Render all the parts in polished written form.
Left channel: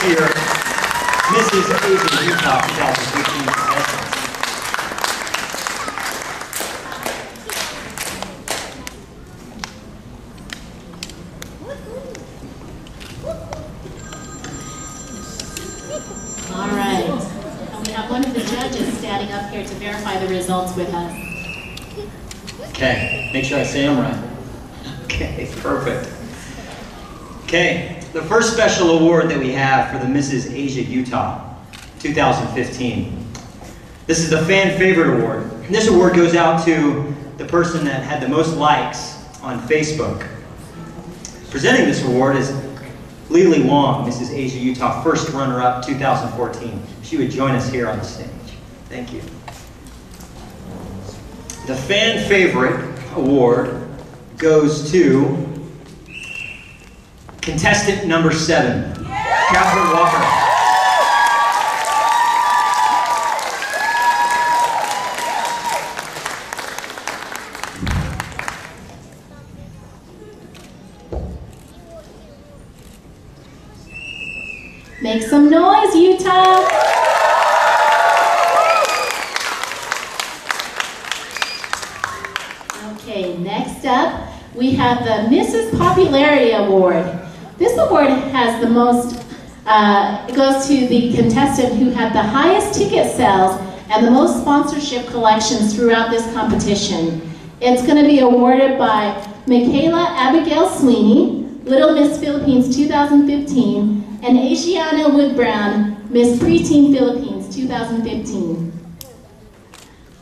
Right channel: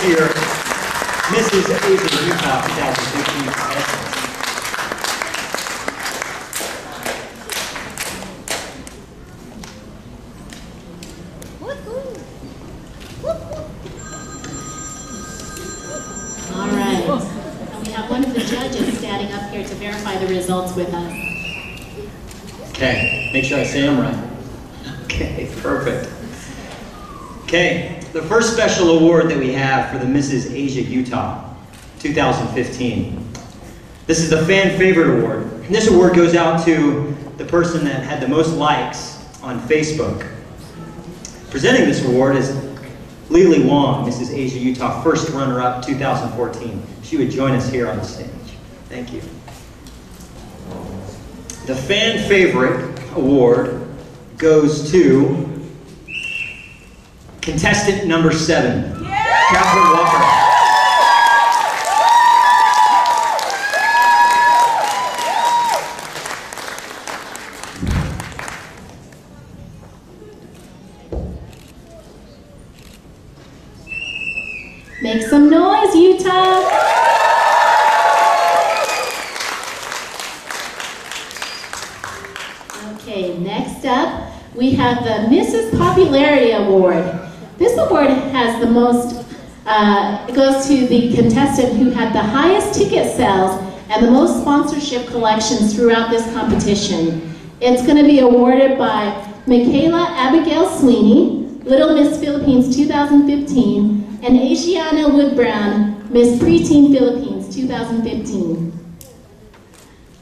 this year Mrs. Asia Utah 2015 contestants. All right. And we have one of the judges standing up here to verify the results with us. Okay, make sure I say them right. Okay, perfect. Okay, the first special award that we have for the Mrs. Asia Utah 2015. This is the Fan Favorite Award. And this award goes out to the person that had the most likes on Facebook. Presenting this award is Lily Wong, Mrs. Asia Utah first runner-up 2014. She would join us here on the stage. Thank you. The Fan Favorite Award goes to contestant number 7, Catherine Walker. Make some noise, Utah! Okay, next up, we have the Mrs. Popularity Award. This award has the most, it goes to the contestant who had the highest ticket sales and the most sponsorship collections throughout this competition. It's going to be awarded by Michaela Abigail Sweeney, Little Miss Philippines 2015, and Asiana Wood-Brown, Miss Preteen Philippines 2015.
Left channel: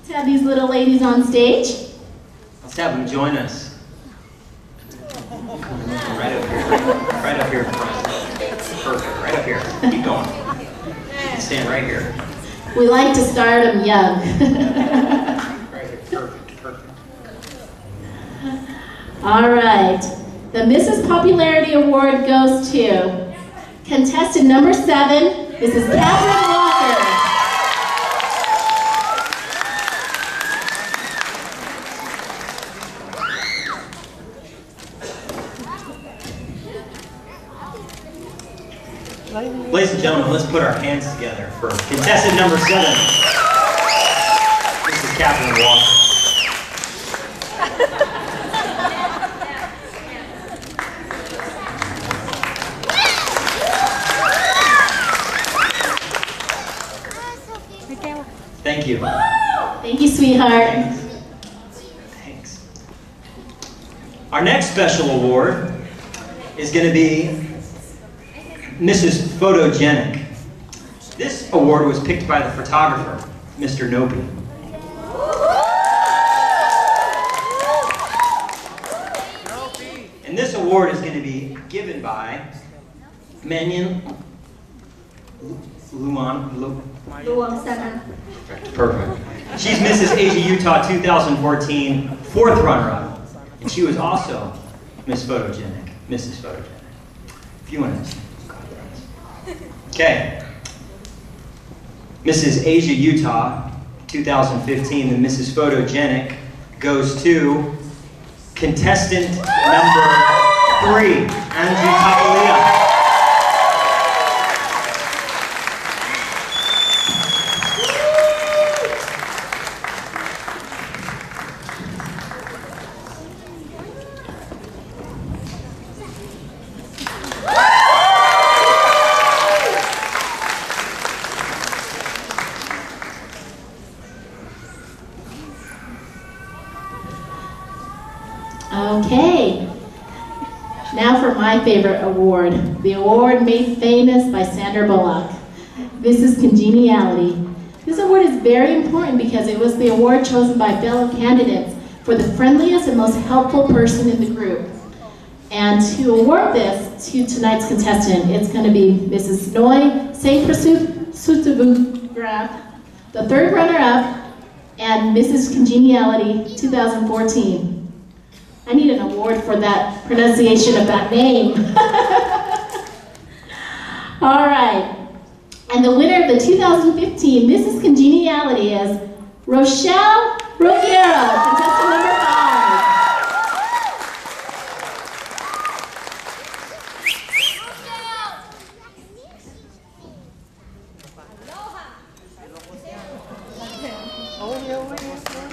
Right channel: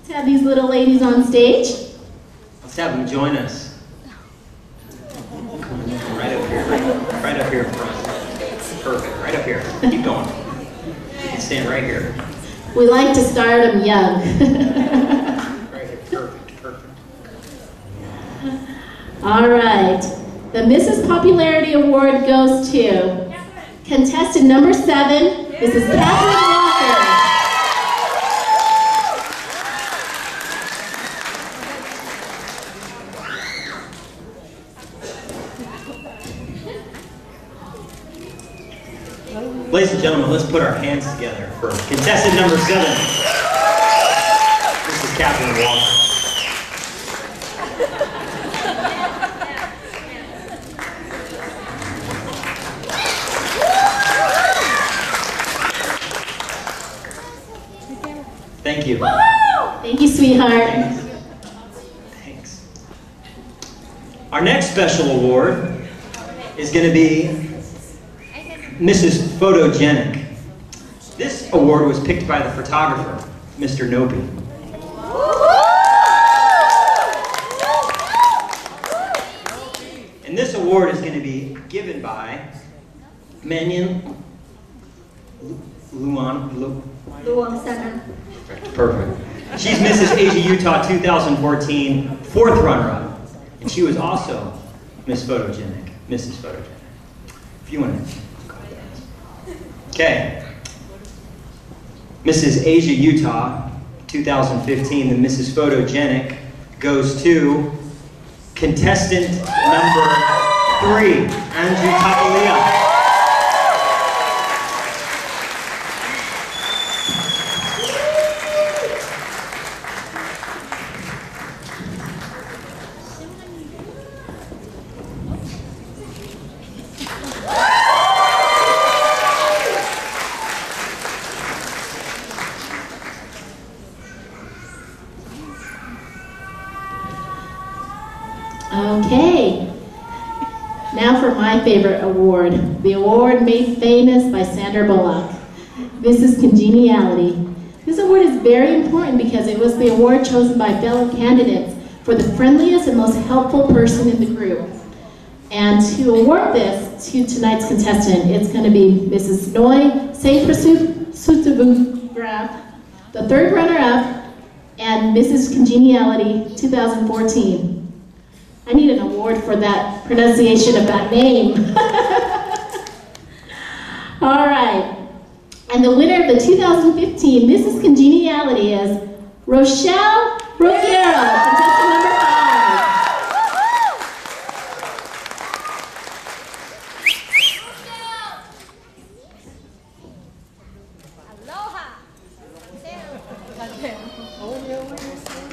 Let's have these little ladies on stage. Let's have them join us. Right up here. Right up here in front. Perfect. Right up here. Keep going. You can stand right here. We like to start them young. Right here. Perfect. Perfect. All right. The Mrs. Popularity Award goes to contestant number 7, Mrs. Catherine Walker. Ladies and gentlemen, let's put our hands together for contestant number 7. This is Catherine Walker. Thank you. Thank you, sweetheart. Thanks. Thanks. Our next special award is going to be Mrs. Photogenic. This award was picked by the photographer, Mr. Nopi. And this award is going to be given by Manyan Luang Sana. Perfect. She's Mrs. Asia Utah 2014, 4th runner-up. And she was also Miss Photogenic, Mrs. Photogenic. A few minutes. Okay. Mrs. Asia Utah 2015, the Mrs. Photogenic, goes to contestant number 3, Andrew Tapalia. Okay, now for my favorite award, the award made famous by Sandra Bullock. This is Congeniality. This award is very important because it was the award chosen by fellow candidates for the friendliest and most helpful person in the group. And to award this to tonight's contestant, it's going to be Mrs. Noi Saint Graf, the 3rd runner-up, and Mrs. Congeniality 2014. I need an award for that pronunciation of that name. All right. And the winner of the 2015 Mrs. Congeniality is Rochelle Rogero, contestant number 5.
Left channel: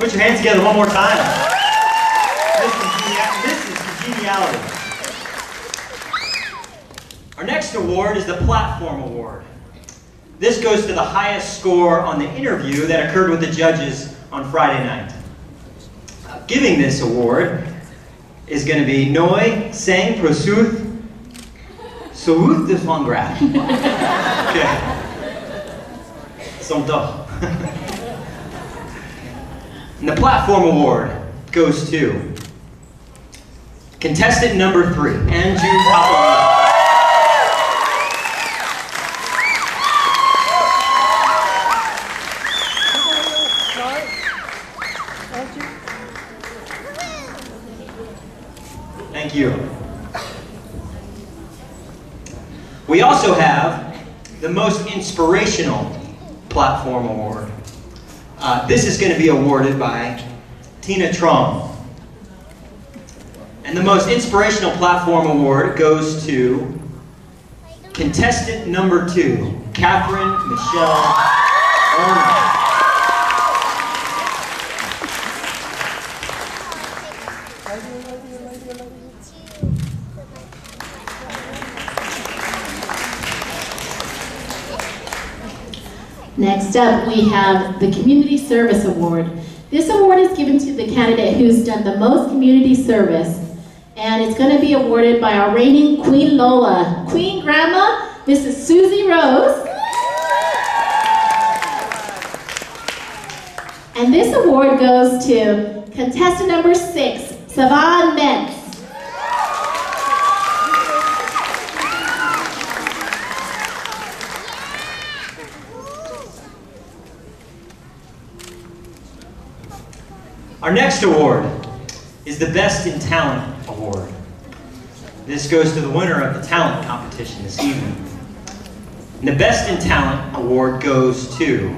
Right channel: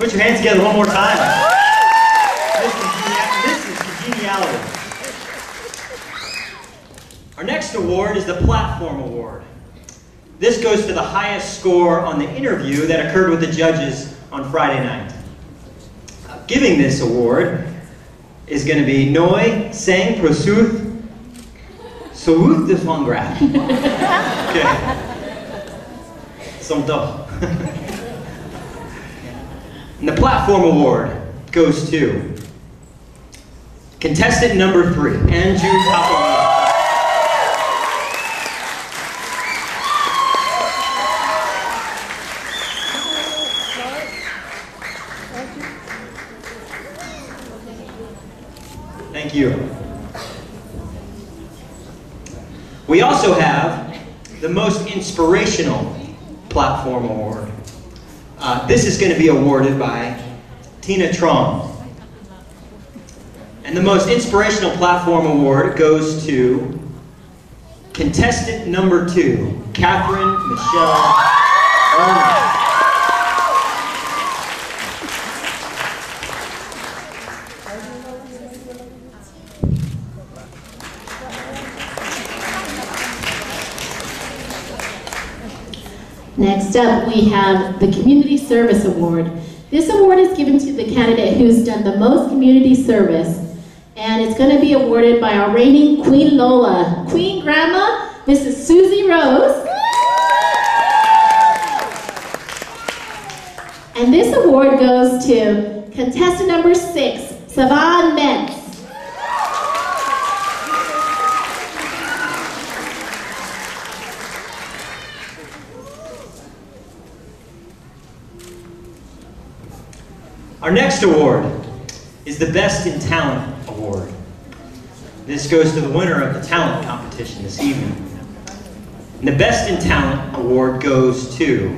Put your hands together one more time. This is congeniality. Our next award is the Platform Award. This goes to the highest score on the interview that occurred with the judges on Friday night. Giving this award is going to be Noi Sang Prosuth South de Fongraf. Okay. Somto. And the Platform Award goes to contestant number 3, Andrew Tapalina. Thank you. We also have the Most Inspirational Platform Award. This is going to be awarded by Tina Trong. And the Most Inspirational Platform Award goes to contestant number 2, Catherine Michelle Ernest. Next up, we have the Community Service Award. This award is given to the candidate who's done the most community service, and it's going to be awarded by our reigning Queen Lola, Queen Grandma, Mrs. Susie Rose. And this award goes to contestant number 6, Savan Mentz. Our next award is the Best in Talent Award. This goes to the winner of the talent competition this evening. And the Best in Talent Award goes to,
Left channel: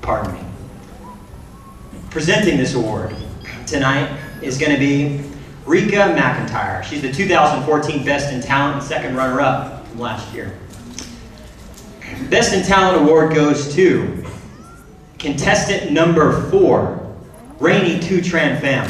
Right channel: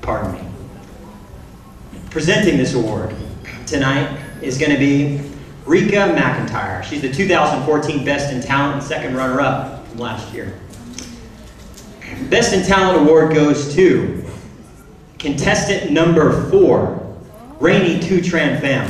pardon me. Presenting this award tonight is going to be Rika McIntyre. She's the 2014 Best in Talent and second runner-up from last year. Best in Talent Award goes to contestant number 4, Rainy Tu Tran Pham.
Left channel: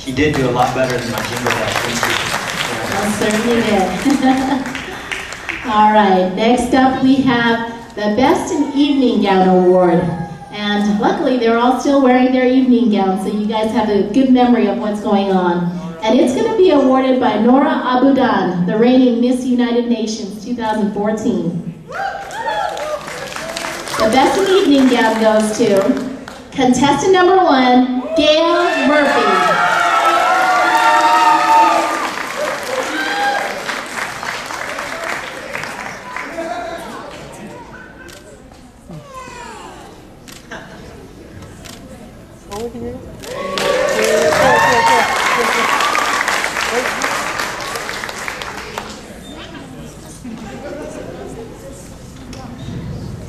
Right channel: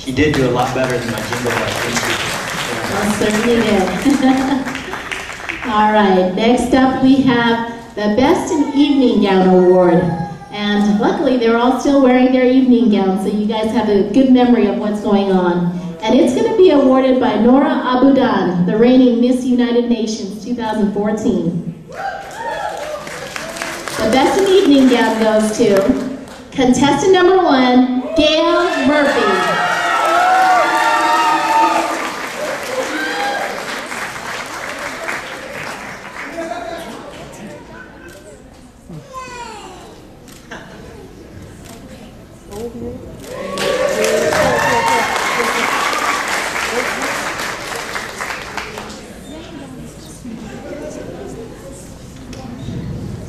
She did do a lot better than my jingle bell. Certainly did. All right, next up we have the Best in Evening Gown Award. And luckily they're all still wearing their evening gowns, so you guys have a good memory of what's going on. And it's going to be awarded by Nora Abudan, the reigning Miss United Nations 2014. The Best in Evening Gown goes to contestant number 1, Gail Murphy.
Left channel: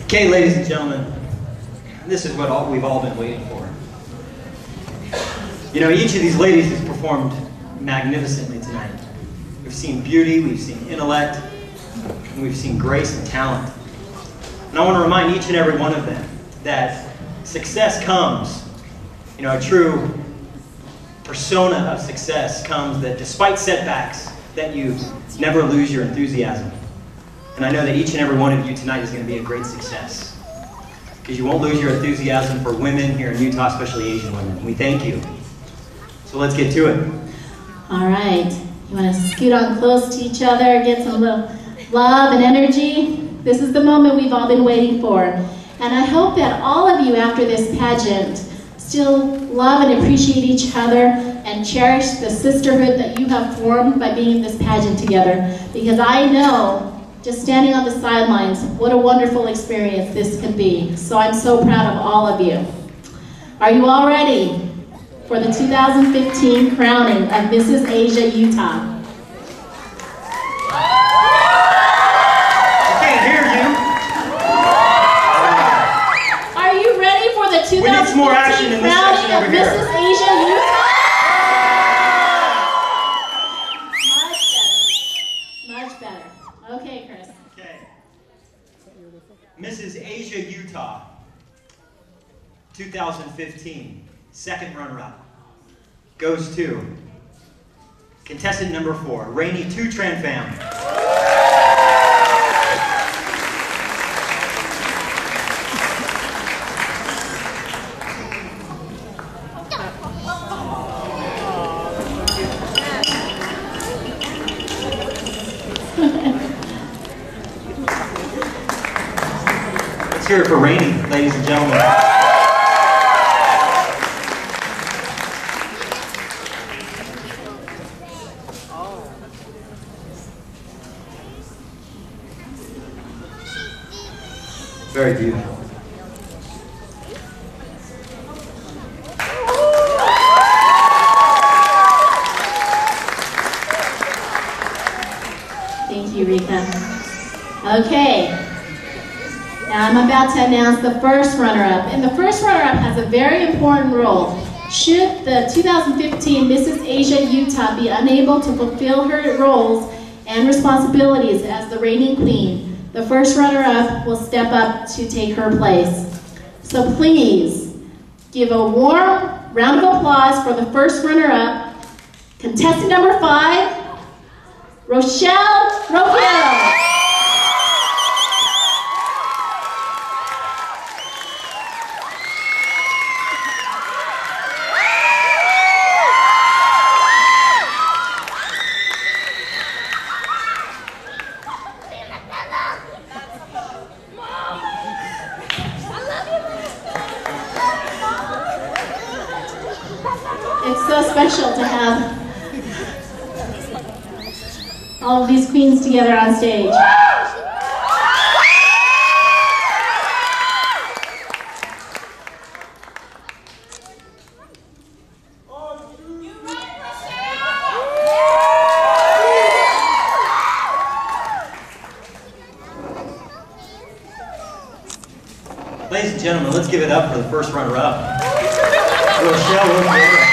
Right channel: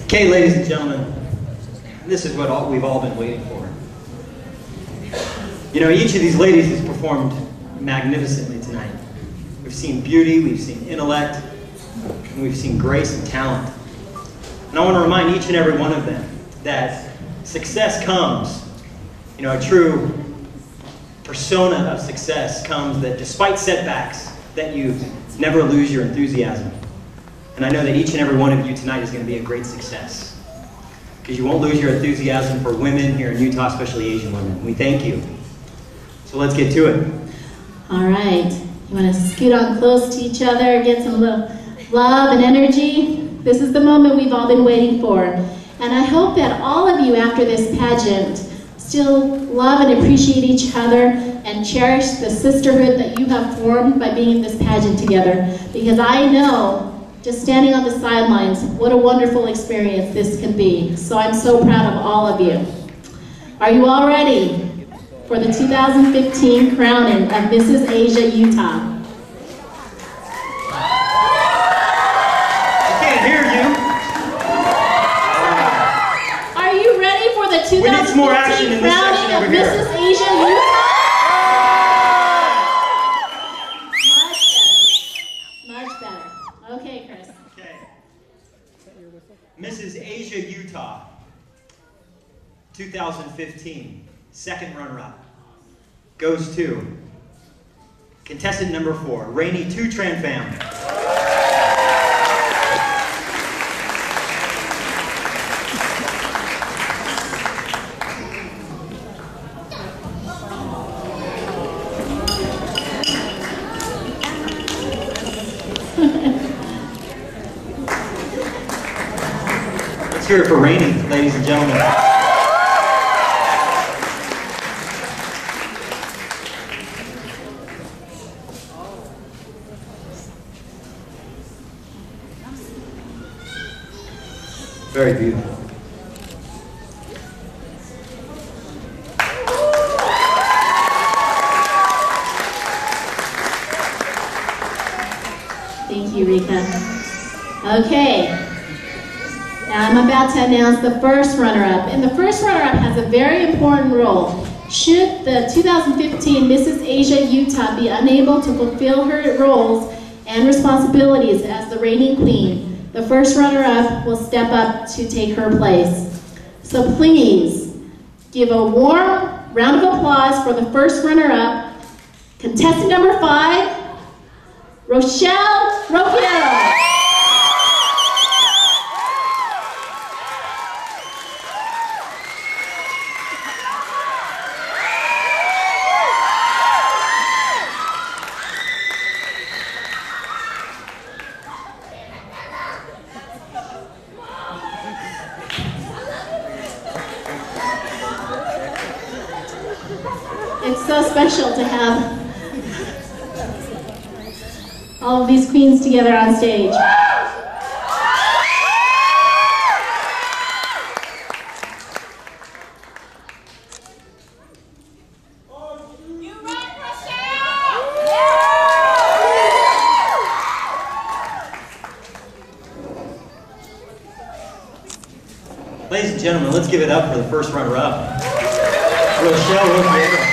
Okay, ladies and gentlemen, this is what we've all been waiting for. You know, each of these ladies has performed magnificently tonight. We've seen beauty, we've seen intellect, and we've seen grace and talent. And I want to remind each and every one of them that success comes, you know, a true persona of success comes that despite setbacks, that you never lose your enthusiasm. And I know that each and every one of you tonight is going to be a great success, because you won't lose your enthusiasm for women here in Utah, especially Asian women. We thank you. So let's get to it. All right. You want to scoot on close to each other, get some little love and energy? This is the moment we've all been waiting for. And I hope that all of you after this pageant still love and appreciate each other and cherish the sisterhood that you have formed by being in this pageant together. Because I know, just standing on the sidelines, what a wonderful experience this can be. So I'm so proud of all of you. Are you all ready for the 2015 crowning of Mrs. Asia Utah? I can't hear you. some more action in this section over here. Mrs. Asia, Utah. Much better. Okay, Chris. Okay. Mrs. Asia, Utah, 2015, second runner-up, goes to contestant number 4, Rainey Tutran family. Let's hear it for Rainey, ladies and gentlemen. Very beautiful. Thank you, Rika. Okay. Now I'm about to announce the first runner-up. And the first runner-up has a very important role. Should the 2015 Mrs. Asia Utah be unable to fulfill her roles and responsibilities as the reigning queen, the first runner-up will step up to take her place. So please give a warm round of applause for the first runner-up, contestant number 5, Rochelle Roquero. It's so special to have all of these queens together on stage. Ladies and gentlemen, let's give it up for the first runner-up, Rochelle Roquero.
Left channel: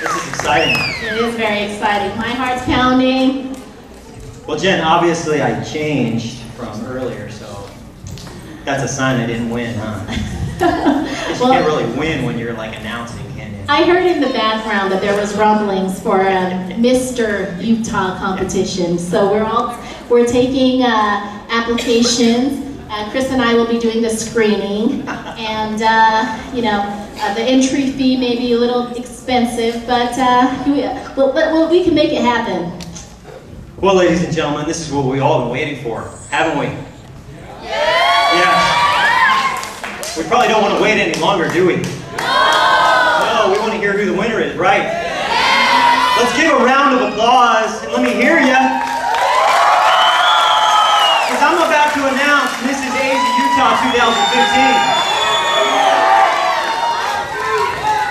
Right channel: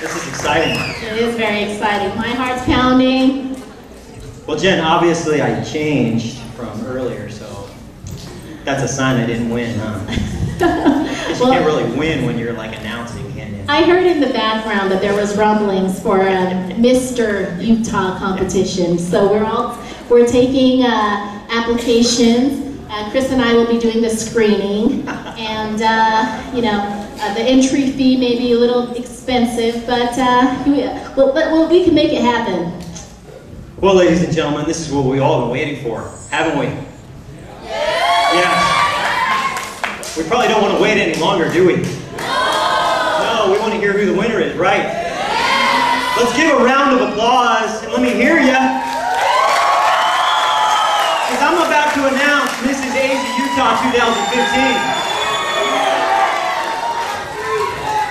This is exciting. It is very exciting. My heart's pounding. Well, Jen, obviously I changed from earlier, so that's a sign I didn't win, huh? Well, you can't really win when you're like announcing, can you? I heard in the background that there was rumblings for a Mr. Utah competition. So we're taking applications. Chris and I will be doing the screening, and the entry fee may be a little expensive, but we can make it happen. Well, ladies and gentlemen, this is what we all been waiting for, haven't we? Yeah. We probably don't want to wait any longer, do we? No, we want to hear who the winner is, right? Let's give a round of applause and let me hear ya. Because I'm about to announce Mrs. Asia Utah 2015.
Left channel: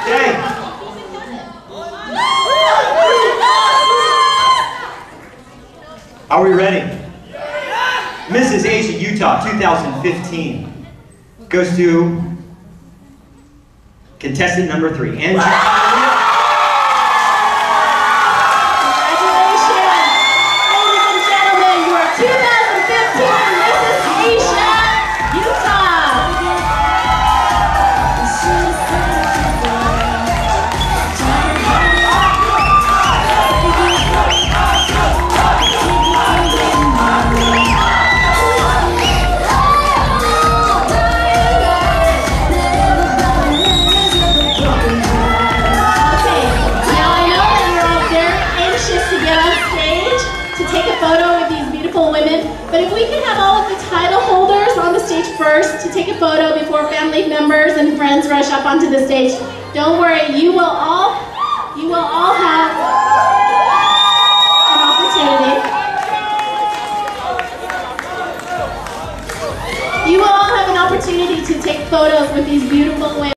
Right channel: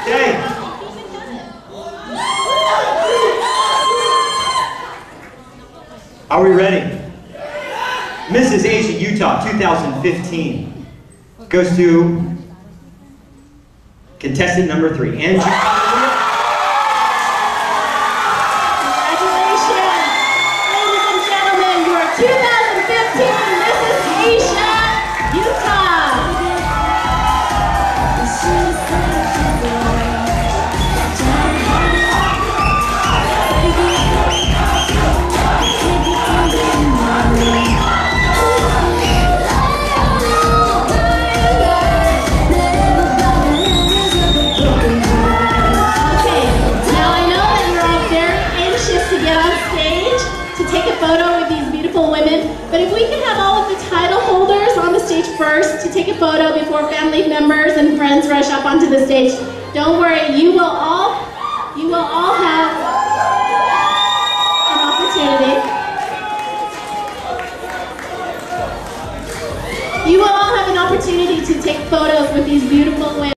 Okay. Are we ready? Mrs. Asia Utah 2015 goes to contestant number 3, Andrew. But if we can have all of the title holders on the stage first to take a photo before family members and friends rush up onto the stage, don't worry, you will all have an opportunity. You will all have an opportunity to take photos with these beautiful women.